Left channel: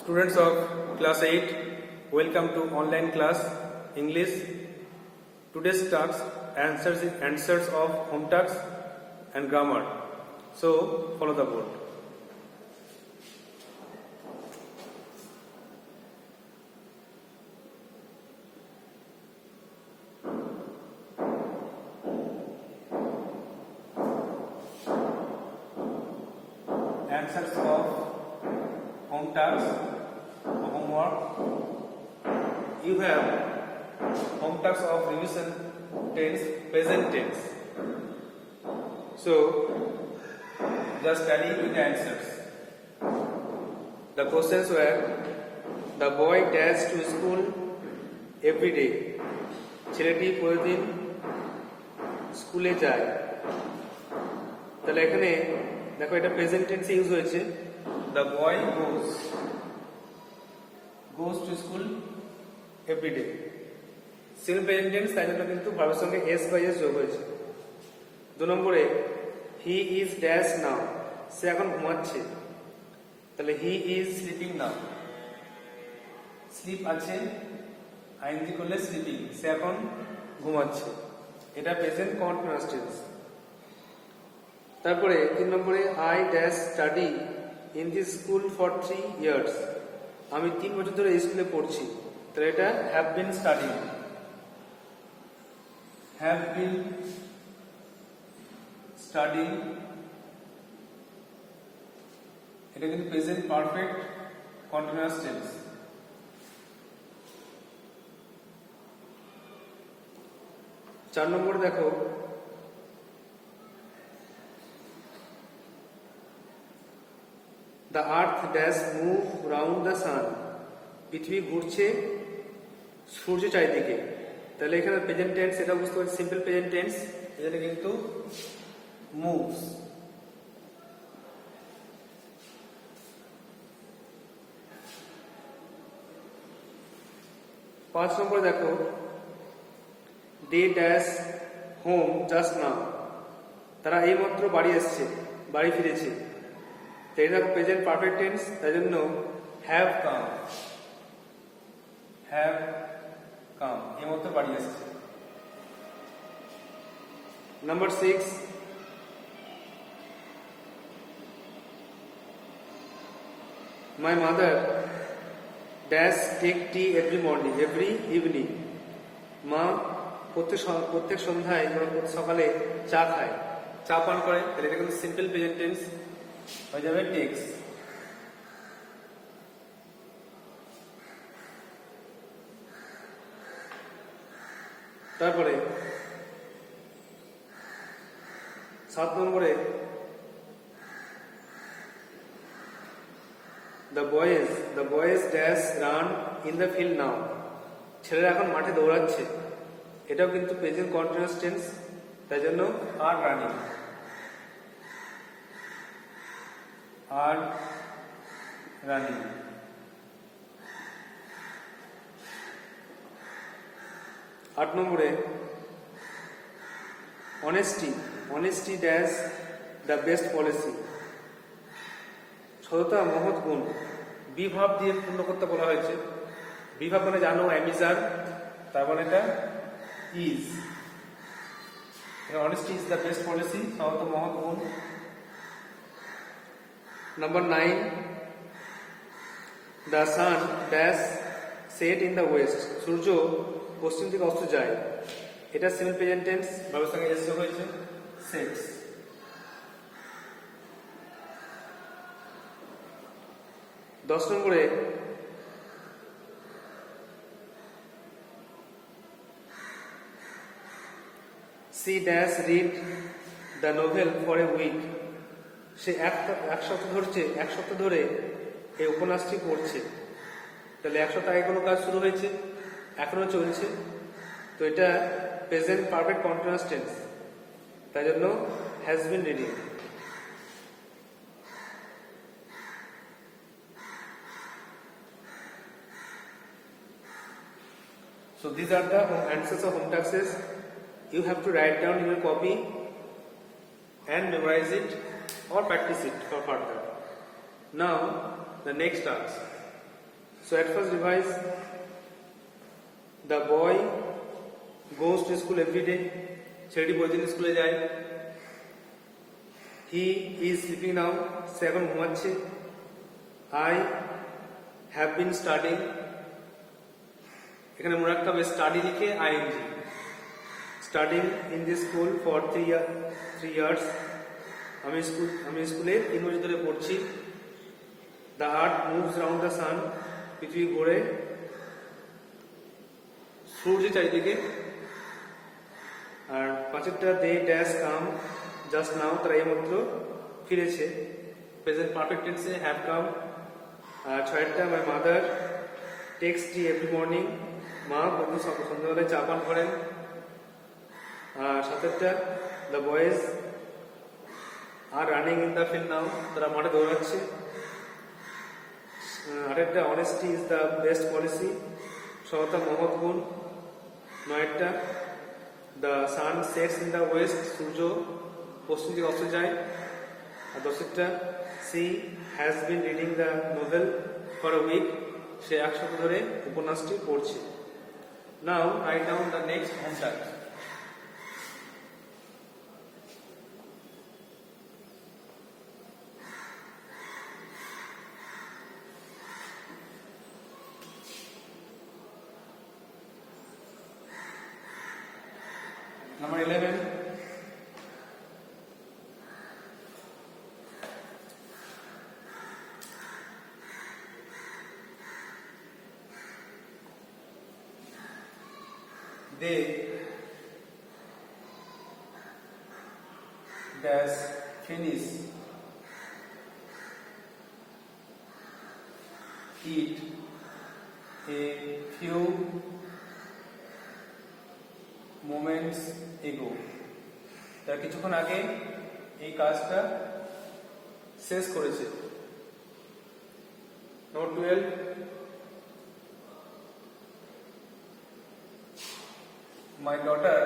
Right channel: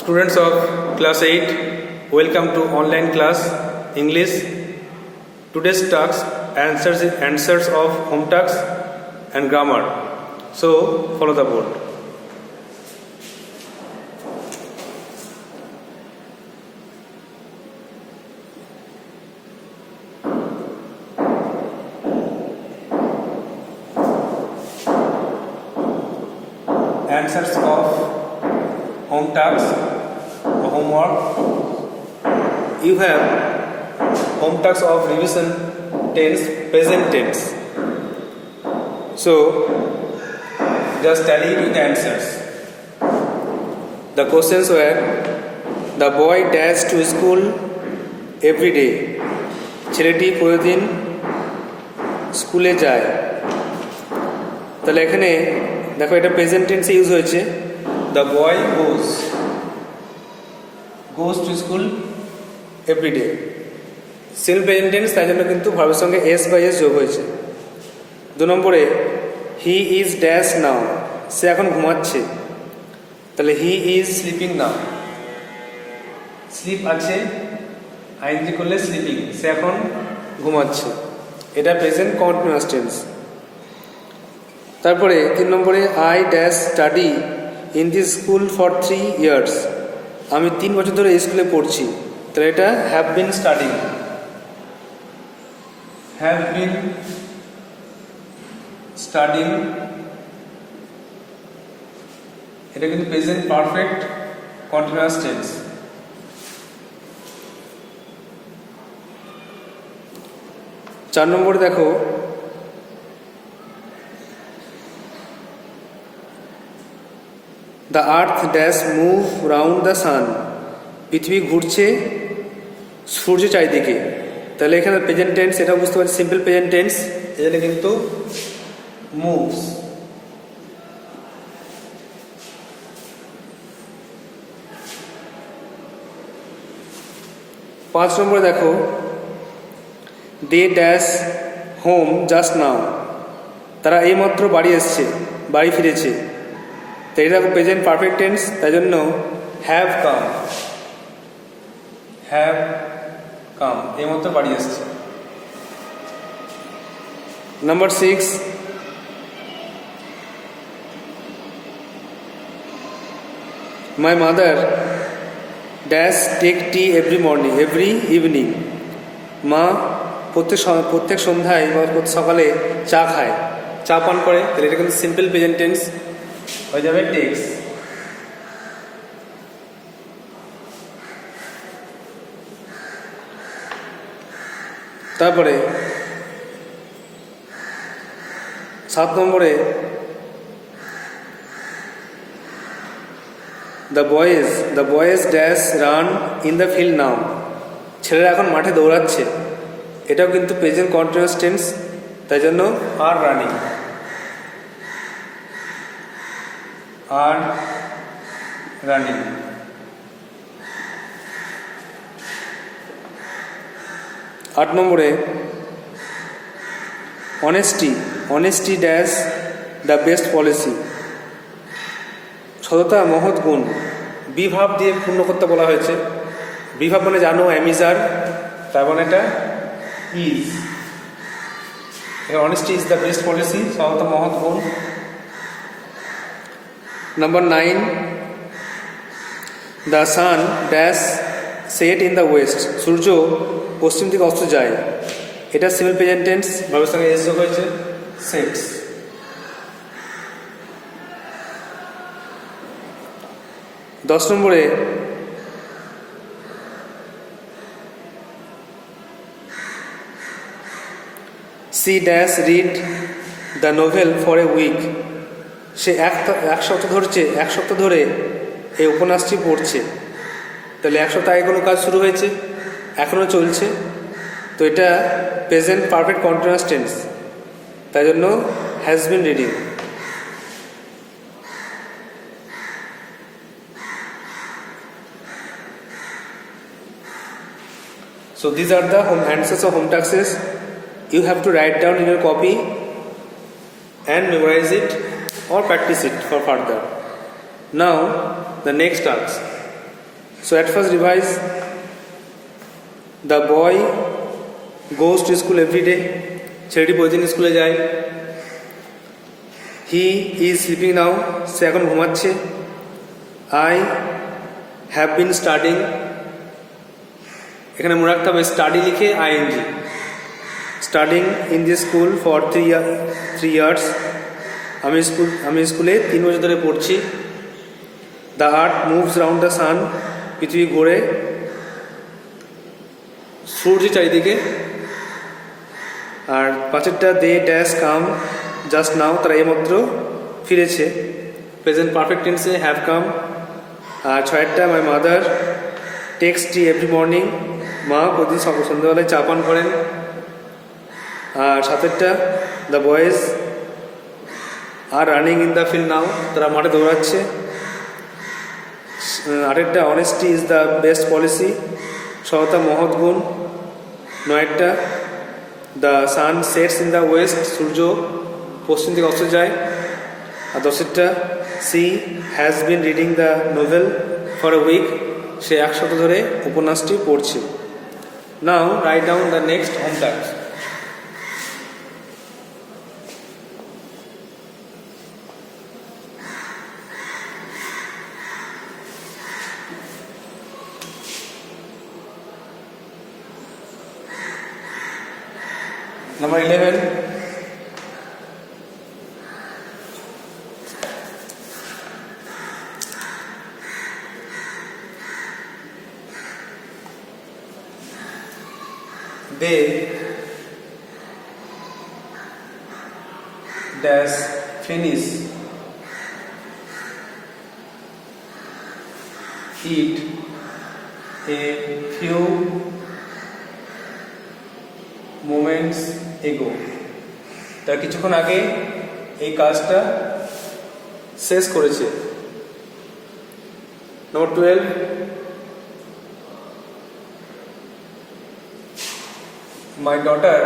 Students of class 8, welcome to online class English. Today's task answers of home tasks and grammar. So follow the board. Answers of home tasks, homework. You have home tasks of revision tense, present tense. So just tally with the answers. The questions were: the boy dash to school every day. ছেলেটি প্রতিদিন স্কুলে যায়। তাহলে এখানে দেখো এটা প্রেজেন্ট টেন্সে use হয়েছে। The boy goes to school every day. Self present tense, তাই জন্য কিন্তু ভার্বের সঙ্গে এস বাই এস যোগ হয়েছে। 2 নম্বরে হি ইজ ড্যাশ নাও, সে এখন ঘুমাচ্ছে। তাহলে he is sleeping now, sleep আছে আইএনজি করলে স্লিপিং, সে এখন ঘুমাচ্ছে। এটা প্রেজেন্ট কন্টিনিউয়াস টেন্স। তারপরে 3 নম্বরে I dash study in the school for 3 years, আমি 3 বছর ধরে এই স্কুলে পড়ছি। তাহলে এটা have been studying, have been studying, এটা কিন্তু প্রেজেন্ট পারফেক্ট কন্টিনিউয়াস টেন্স। চার নম্বরে দেখো the earth dash move round the sun, পৃথিবী ঘুরছে সূর্যের চারিদিকে। তাহলে এখানে প্রেজেন্ট টেন্স, এটা বুঝতে পারছি সিম্পল প্রেজেন্ট টেন্স, এখানে কিন্তু মুভস। পাঁচ নম্বরে দেখো they dash home just now, তারা এইমাত্র বাড়ি এসছে, বাড়ি ফিরেছে। তো এটা প্রেজেন্ট পারফেক্ট টেন্স, তাই জন্য হ্যাভ কাম, হ্যাভ কাম, এইমাত্র বাড়ি এসছে। Number 6, my mother dash take tea every morning every evening, মা প্রত্যেক সন্ধ্যায় বা প্রত্যেক সকালে চা খায়, চা পান করে। তাহলে এটা কিন্তু সিম্পল প্রেজেন্ট টেন্স হয়ে যাবে টেক্স। তারপরে 7 নম্বরে the boys dash run in the field নাও, ছেলেরা এখন মাঠে দৌড়াচ্ছে। এটাও কিন্তু প্রেজেন্ট কন্টিনিউয়াস টেন্স, তাই জন্য আর রানিং, আর রানিং। 8 নম্বরে honesty dash the best policy, সততা মহৎ গুণ। বিভাব দিয়ে পূর্ণ করতে বলা হয়েছে। বিভাব মানে জানো, অ্যামিজার, তার মানে এটা is. Honesty is the best policy, সততা মহৎ গুণ। Number 9, the sun dash set in the west, সূর্য পশ্চিম দিকে অস্ত যায়। এটা সিম্পল প্রেজেন্ট টেন্স, ভার্বের সঙ্গে এস যোগ হয়েছে, সেটস। 10 নম্বরে she dash read the novel for a week, সে এক সপ্তাহ ধরে এই উপন্যাসটি পড়ছে। তাহলে 1 সপ্তাহ আগে কোনো কাজ শুরু হয়েছে, এখনও চলছে। তো এটা প্রেজেন্ট পারফেক্ট কন্টিনিউয়াস টেন্স, তাই জন্য has been reading. So these are the answers of home tasks. You have to write down in your copy and memorize it or practice it for further. Now the next task. So at first revise. The boy goes to school every day. ছেলেটি প্রতিদিন স্কুলে যায়। He is sleeping now. সে এখন ঘুমাচ্ছে। I have been studying. এখানে মনে রাখতে হবে স্টাডি লিখে ing। Studying in this school for 3 years. আমি স্কুলে 3 বছর ধরে পড়ছি। The earth moves round the sun. পৃথিবী ঘোরে সূর্যের চারিদিকে। আর পাঁচেরটা they dash come just now, তারা এইমাত্র ফিরেছে। প্রেজেন্ট পারফেক্ট টেন্সে হ্যাভ কাম। আর ছয়েরটা my mother takes tea every morning. মা প্রতিদিন সন্ধ্যাবেলায় চা পান করেন। আর সাতেরটা the boys are running in the field now, তারা মাঠে দৌড়াচ্ছে। আটেরটা honesty is the best policy. সততা মহৎ গুণ। নয়েরটা the sun sets in the west. সূর্য পশ্চিম দিকে অস্ত যায়। আর দশেরটা she has been reading the novel for a week. সে 1 সপ্তাহ ধরে উপন্যাসটি পড়ছে। Now write down the next home task. Number 11. They dash finish eat a few moments ago. তার কিছুক্ষণ আগে এই কাজটা শেষ করেছে। নম্বর 12, my daughter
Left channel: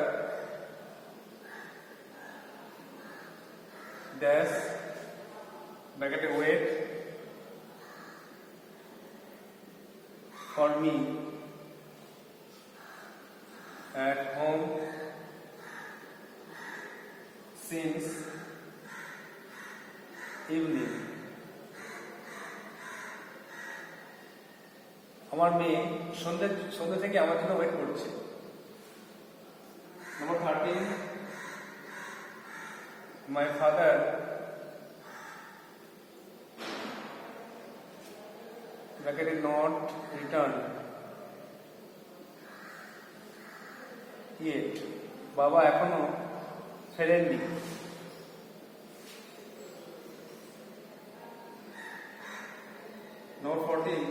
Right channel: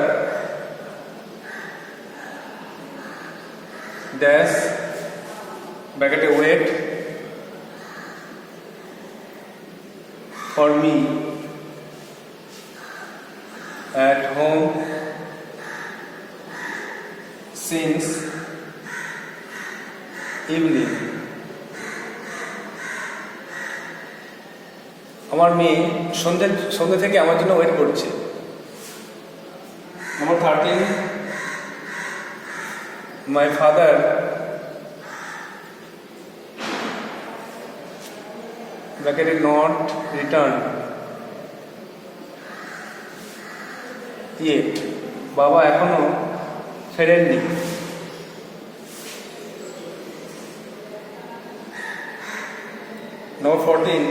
dash bracket wait for me at home since evening. আমার মেয়ে সন্ধ্যে থেকে আমার জন্য ওয়েট করছে। Number 13, my father bracketed not returned yet. বাবা এখনো ফেরেননি। Number 14,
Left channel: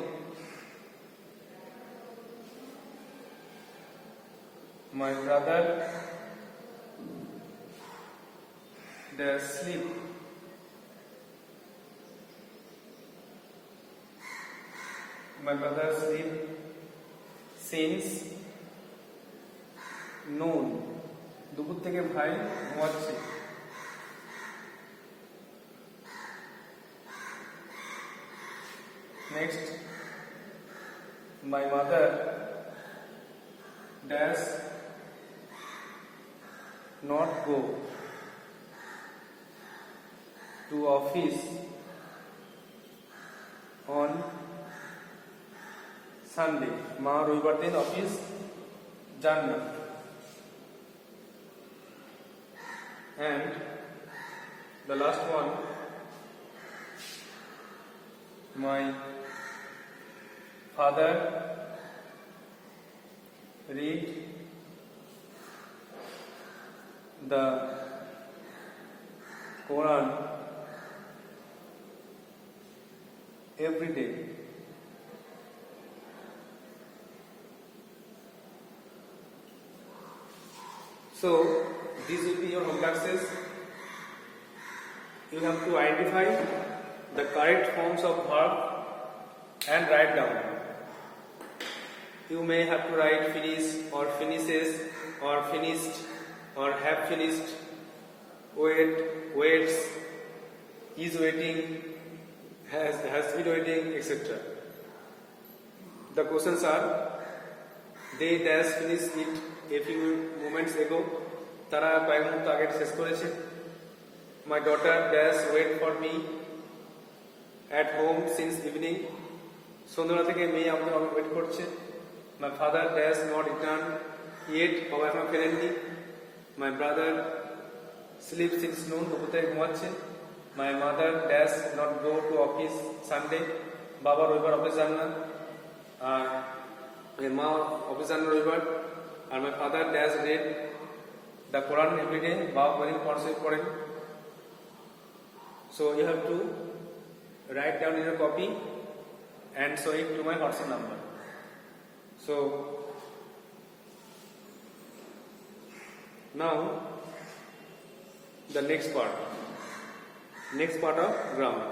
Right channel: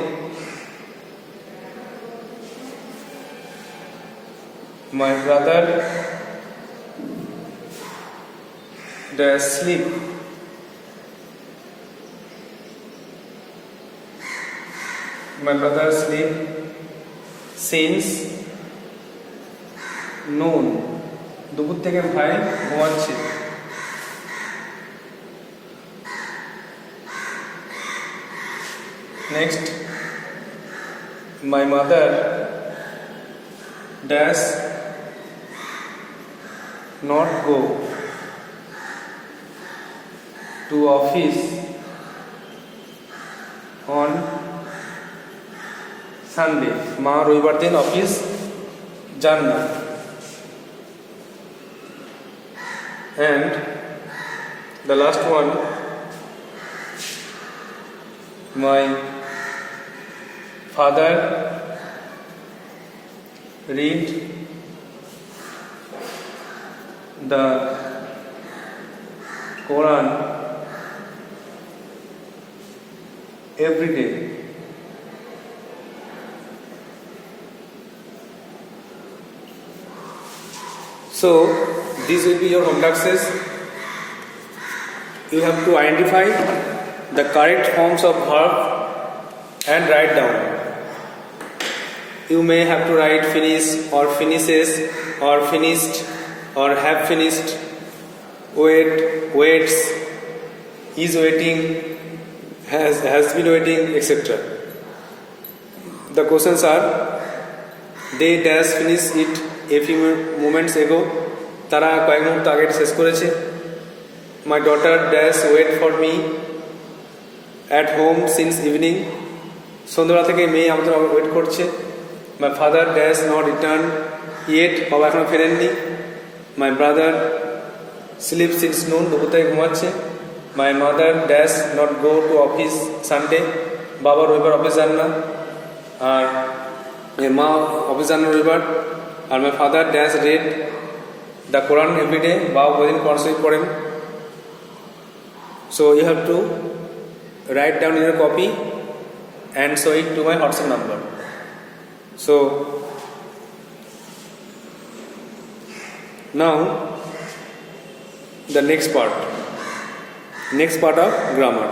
my brother does sleep. My brother sleep since noon. দুপুর থেকে ভাই ঘুমাচ্ছে। Next, my mother does not go to office on Sunday. মা রবিবার দিন অফিস যান না। And the last one, my father read the Quran every day. So these will be your home taxes. You have to identify the correct forms of verb and write down. You may have to write finish or finishes or finished or have finished, wait, waits, is waiting, has been waiting, etc. The questions are, they dash finish it a few moments ago. তারা কয়েক মুহূর্ত আগে শেষ করেছে। My daughter dash wait for me at home since evening. সন্ধ্যাবেলা থেকে মেয়ে আমাদের ওয়েট করছে। My father dash not return yet. বাবা এখনো ফেরেননি। My brother sleeps since noon. দুপুর থেকে ঘুমাচ্ছে। My mother dash not go to office Sunday. বাবা রবিবার অফিস যান না। আর মা অফিস যান না রবিবার। আর my father dash read the Quran every day. বাবা প্রতিদিন কোরআন শরীফ পড়েন। So you have to write down in your copy and show it to my WhatsApp number. So now the next part of grammar.